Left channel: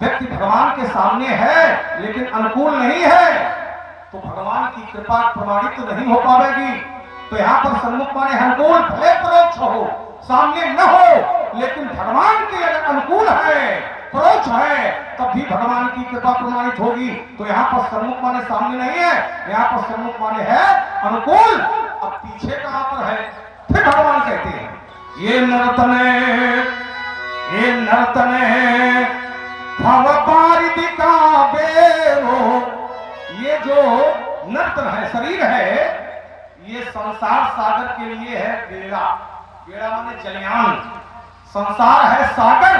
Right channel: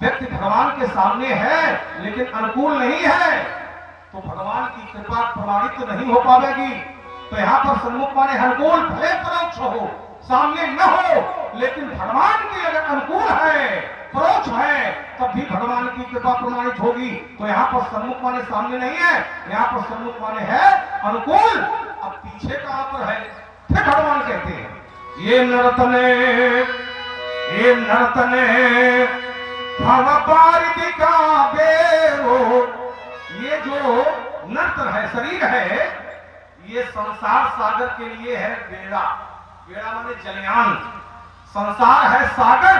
व्यक्ति भगवान के सामने है लेकिन अनुकूल नहीं है तो भगवान की कृपा प्रमाणित तो नहीं हो पाएगी। तो यहाँ पर सन्मुख माने अनुकूल भले परोक्ष हो, सामने न हो, लेकिन भगवान के अगर अनुकूल है, परोक्ष है, तब भी भगवान की कृपा प्रमाणित होगी। तो यहाँ पर सन्मुख माने सामने नहीं है, यहाँ पर सन्मुख माने है अनुकूल। अब पीछे कहां पर है? फिर भगवान कहते हैं ये नर्तने भवपारिदिका बेरो। ये जो नर्तन है, शरीर है, ये संसार सागर के लिए है बेड़ा। बेड़ा माने जलयान। संसार है सागर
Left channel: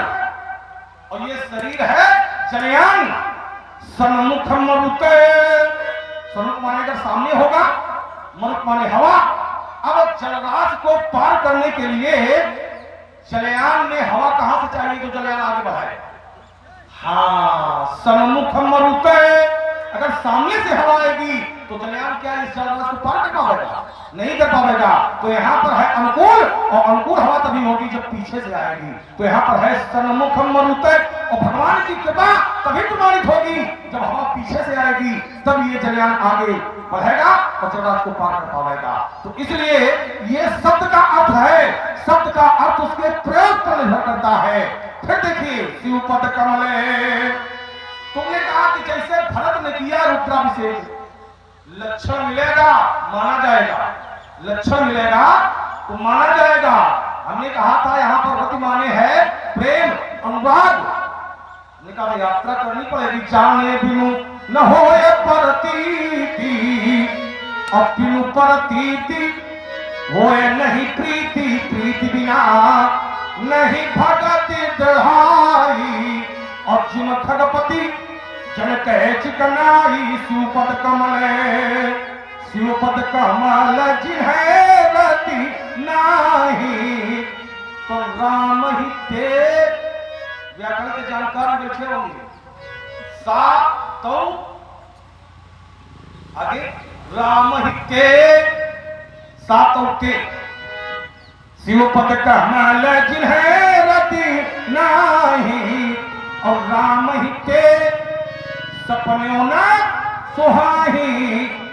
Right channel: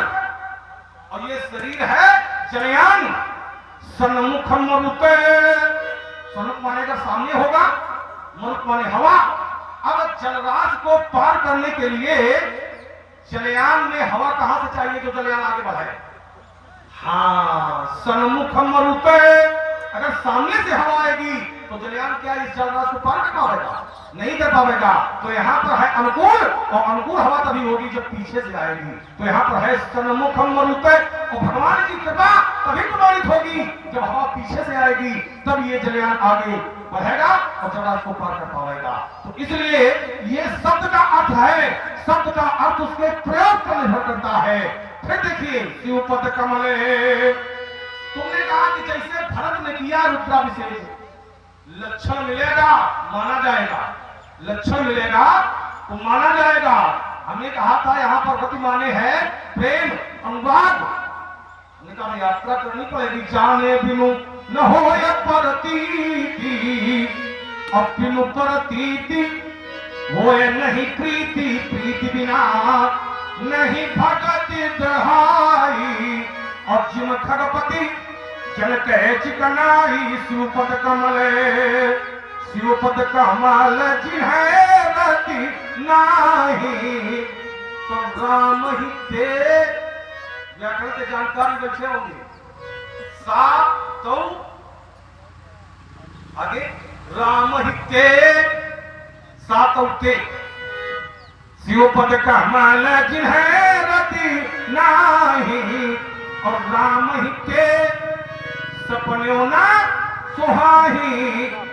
और ये शरीर है जलयान। सन्मुख मरुते, सन्मुख माने अगर सामने होगा, मरुत माने हवा। अब जलराज को पार करने के लिए जलयान में हवा कहां से चाहिए जो जलयान आगे बढ़ाए? हाँ, सन्मुख मरुते, अगर सामने से हवा आएगी तो जलयान क्या इस जलराज को पार कर पाएगा? नहीं कर पाएगा। तो यहाँ पर है अनुकूल, और अनुकूल हवा तभी होगी जब पीछे से आएगी। तो यहाँ पर है सन्मुख मरुते, और भगवान की कृपा तभी प्रमाणित होगी जब हवा पीछे से आएगी, तब ये जलयान आगे बढ़ेगा और जलराज को पार कर पाएगा। तो इसलिए ये शब्द का अर्थ है, शब्द का अर्थ उसके प्रयोग पर निर्भर करता है। फिर देखिए शिवपद कमले, तुमने कहा कि जैसे भरत ने किया रुद्राभिषेक, लक्षण मिलेगा माना जाएगा, लक्षण मिलेगा तो माना जाएगा। हमने कहा था यहाँ पर गति माने है प्रेम, अनुराग। कहा यात्रा करनी पड़ेगी, जाने बिनु न हो परतीति, अब बिनु परतीति होए नहीं प्रीति, प्रीति बिना नहीं भगति दहाई। और जिन खगपति जन कहे चिकनाई, शिवपद कमल, शिवपद कमल जिन्हें रति नाही, तो राम ही ते। व्याकरण के जानकार बैठे होंगे। सा तो आगे राम ही के, सा तो के, शिवपद कमल जिन्हें रति नाही, और राम ही के सपने न सुहाही।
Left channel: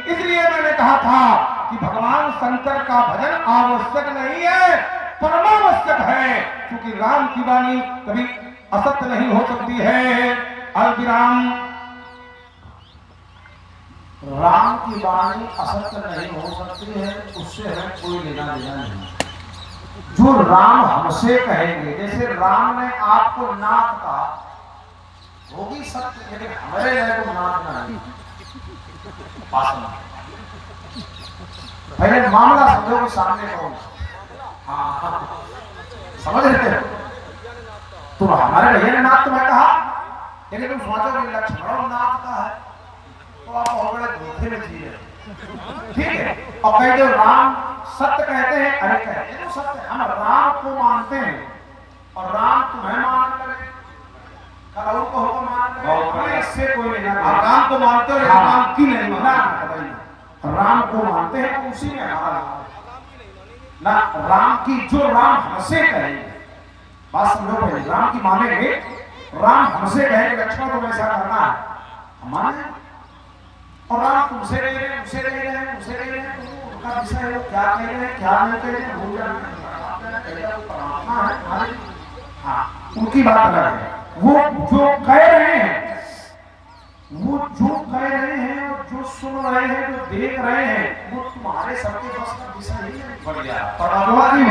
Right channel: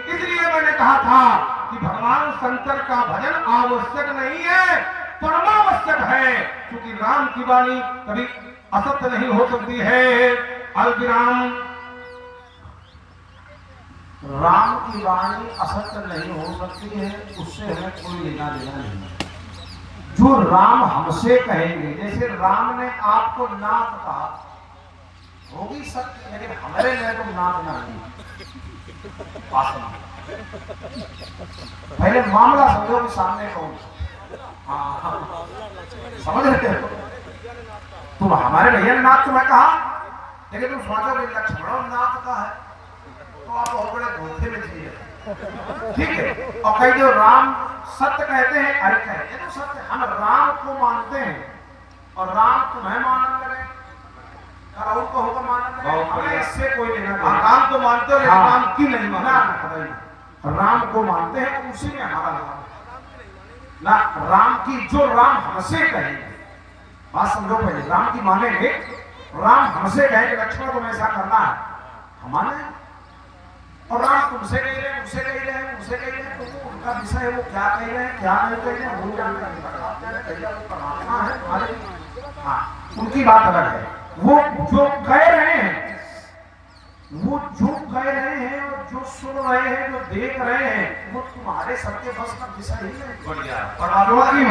इसलिए मैंने कहा था कि भगवान शंकर का भजन आवश्यक नहीं है, परमावश्यक है, क्योंकि राम की वाणी कभी असत्य नहीं हो सकती है। अल्पिराम, राम की वाणी असत्य नहीं हो सकती है, उससे हमें कोई लेना देना नहीं। जो राम हमसे कहेंगे, जैसे राम ने आपको नाथ कहा, होगी सत्य, लेकिन हमारे लिए तो नाथ नहीं। पहले मामला समझो कि सामने कौन। हाँ, समझ रहे हो? तुम हमारे भैया ने नाथ तुम्हें कहा, लेकिन तुम सोचो कि लक्ष्मण नाथ का है, तो आप बहुत बड़े धोखे में जी रहे। ठीक है, और कई जो राम सत्य कहते हैं, अरे कहते हैं तो सत्य, हम राम को मानते हैं और राम तुम्हें मानने लगे, और को होगा मानने लगे, हमें इससे कोई लेना देना। राम को मानते हो, राम की नहीं मानते। राम को मानते हैं तो उसी में हमारा नाम ना। राम की जो राम हमसे कहेंगे, बात समझो भाई, राम की मानेंगे, राम हमसे कहेंगे लक्ष्मण तुम्हें ऐसा करना है, हमारे, और राम तुमसे कह रहे हैं, उसे कह रहे हैं, उसे कह रहे हैं, तो उनका विषय वो क्या कह रहे हैं, क्या नहीं कह रहे हैं, वो जानना है। हाँ, उनकी बात अलग है। वो जो कह रहे हैं, वो जो कह रहे हैं, जो सुन रहे हैं, जो देख रहे हैं, वो तुम्हारे सबके बस का विषय ही नहीं। बढ़िया,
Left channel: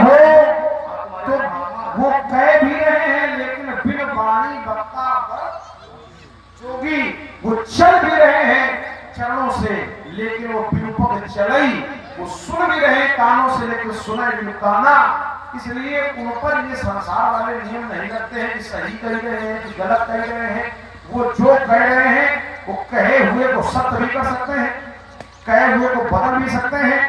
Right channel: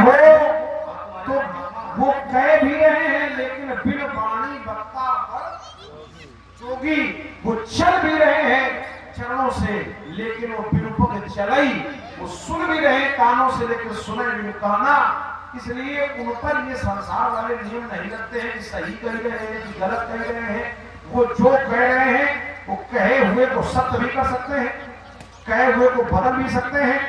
हो तो वो कह भी रहे हैं, लेकिन बिन वाणी वक्ता पर जोगी, वो चल भी रहे हैं चरणों से, लेकिन वो बिनुपक चलई, वो सुन भी रहे कानों से, लेकिन सुने बिनुकाना। इसलिए उन पर ये संसार वाले नियम नहीं लगते हैं कि सही कह रहे हैं कि गलत कह रहे हैं। वो जो कह रहे हैं वो कहे हुए को सत्य भी कर सकते हैं, कहे हुए को बदल भी सकते हैं,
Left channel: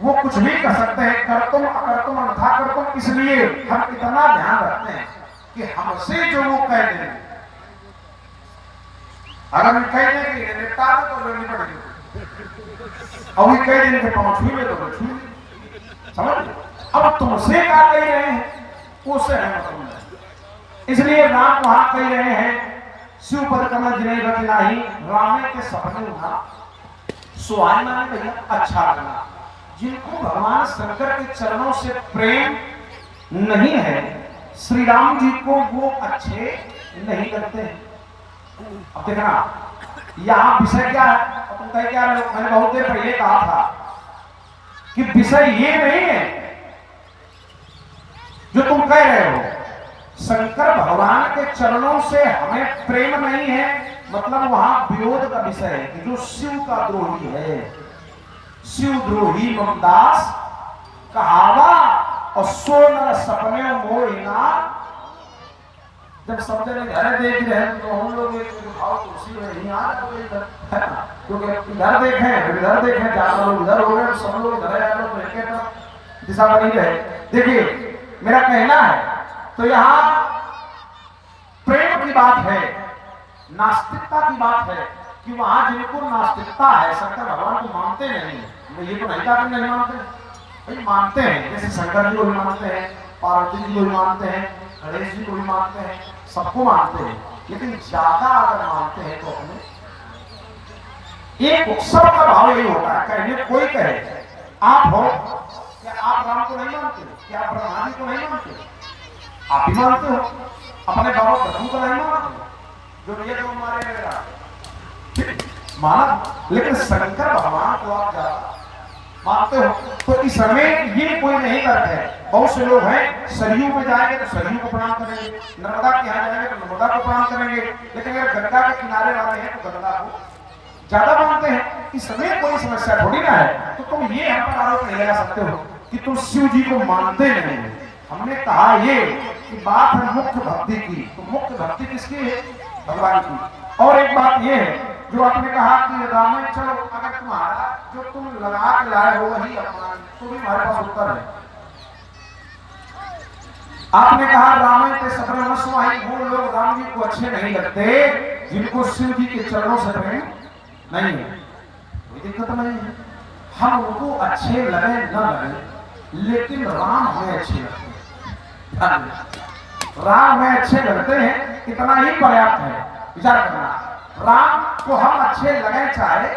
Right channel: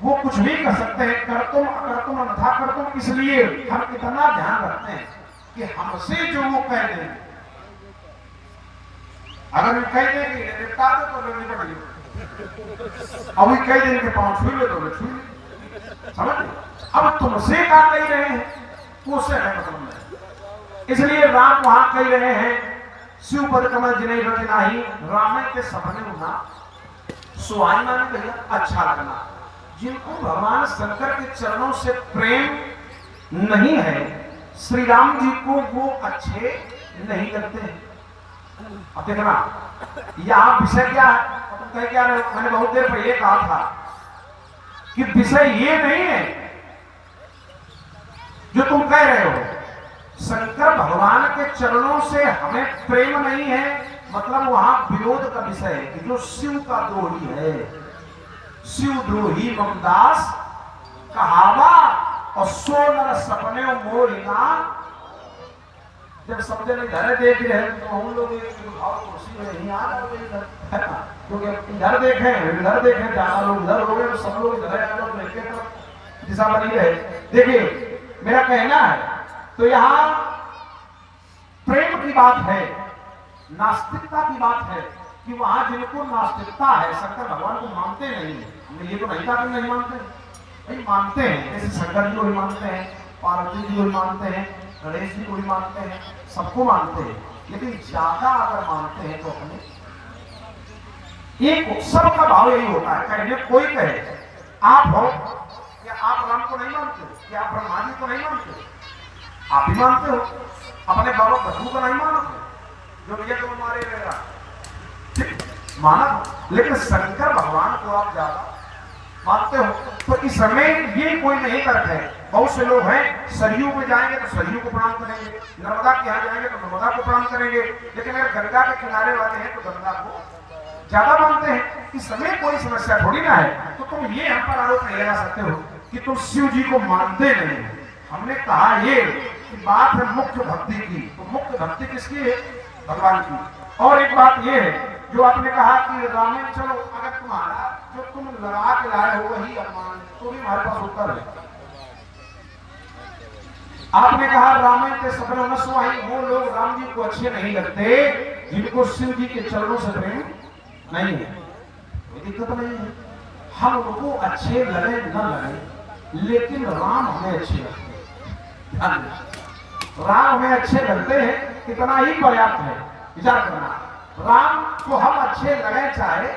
वो कुछ भी कर सकते हैं, करतुम अकर्तुम अन्यथा कर्तुम। इसलिए हम इतना ध्यान रखते हैं कि हमसे जो वो कह दें, अगर हम कह दें कि निपटा दो तो लेनी पड़ेगी, अभी कह दें कि पांच छू ले तो छू, समझ। अब तुमसे क्या कह रहे हैं उससे है मतलब नहीं। इसलिए राम वहां कह रहे हैं शिव पद कमल जिन्हें रति नाही, रामे के सपने उठा सुहाई माने भैया अच्छा लगना। जिनको भगवान शंकर के चरणों से प्रेम नहीं है, श्री राम जी को वो अच्छे नहीं लगते हैं। अब देखना यहाँ विषय क्या है, तुम कह क्या रहे हो? मैंने बहुत देर पहले कहा था कि विषय ये नहीं है जो तुम कह रहे हो। शंकर भगवान के चरणों से हमें प्रेम नहीं है, मतलब वहां विरोध का विषय है कि जो शिव का द्रोही है, शिव द्रोही ममदास कहावा और सो नर सपने मोहिना। जब समझे नहीं घर देख रहे हैं तो हम लोग कुर्सी में नहीं आ रहे, क्योंकि इधर देखें ज्यादा लोग इधर हो गए, सब लोग इधर दिशा बनी रहे। देखिए मेरा कहना है तो यहाँ प्रेम की बात है, नास्तिकता की बात है कि वहां जिनको नास्तिकता है, शंकर भगवान को मानते नहीं। मैं ये तो नहीं कहा कि नहीं मानते, भाई मानते हैं। जैसे शंकर जी को भी मानते हैं, पार्वती जी को भी मानते हैं, गणेश जी को भी मानते हैं, सबको मानते हैं। लेकिन ज्यादा अगर मानते हैं तो अपने एक उत्सव का भाव यही होता है। कहीं कोई कहे आप हो क्या आप राम को नहीं मानते, क्या आप ब्रह्मा जी को नहीं मानते? आप ही मानते हो, अपने बाबा बधू को नहीं मानते जो ये तो मारे रहेगा माना, लेकिन शंकर भगवान को आप ज्यादा मानते हो। तो इस समय ये कोई नहीं करते। बहुत से लोग हैं सरयू में जाएंगे तो सरयू को प्रणाम करेंगे, नर्मदा के यहाँ जाएंगे तो नर्मदा को प्रणाम करेंगे, लेकिन अगर गंगा के किनारे वाले हैं तो गंगा को ज्यादा मानते हैं। इस समय कोई समस्या थोड़ी ना है। तो तुम ये हम पर आरोप नहीं लगा सकते हो कि तुम शिव जी को मानते नहीं हो। हमने कहा ये कि बात है मुख्य भक्ति की। तो मुख्य भक्ति किसकी है? भगवान की। और एक बात ये है जो आपने कहा कि रामे चलो, अगर तुम्हारा जो तुम लगा के लाए हो वही अपमान, तो भी हमारे पास उत्तर है। आपने कहा रामे के सपने में सुहाई, वो लोग राम जी को अच्छे नहीं लगते जिनको शिव जी के चरणों से प्रेम नहीं है। कोई दिक्कत नहीं है, हम उनको अच्छे लगे न लगे, लेकिन राम हमें अच्छे लगते हैं। राम हमें अच्छे लगते हैं, इतना ही पर्याप्त है। विचार करना, राम को हम अच्छे लगे चाहे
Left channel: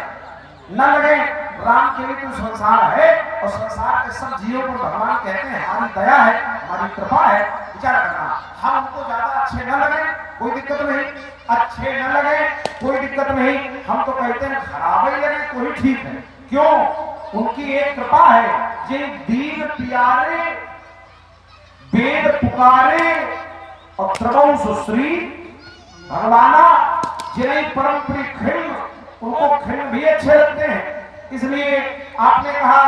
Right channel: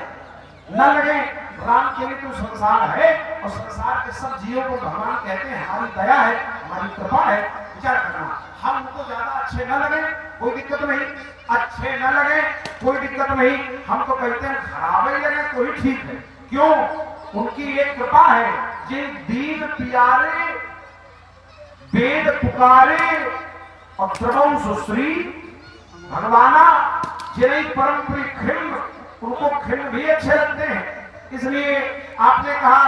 न लगे, राम के लिए तो संसार है और संसार के सब जीवों को भगवान कहते हैं हमारी दया है, हमारी कृपा है। विचार करना, हम उनको ज्यादा अच्छे न लगे कोई दिक्कत नहीं, अच्छे न लगे कोई दिक्कत नहीं, हम तो कहते हैं खराब ही लगे तो ही ठीक है। क्यों? उनकी एक कृपा है, जिन दीन प्यारे वेद पुकारे और प्रभु सुश्री भगवाना, जिन्हें परम प्रिय खिल, उनको खिल भी अच्छे लगते हैं। इसलिए आपने कहा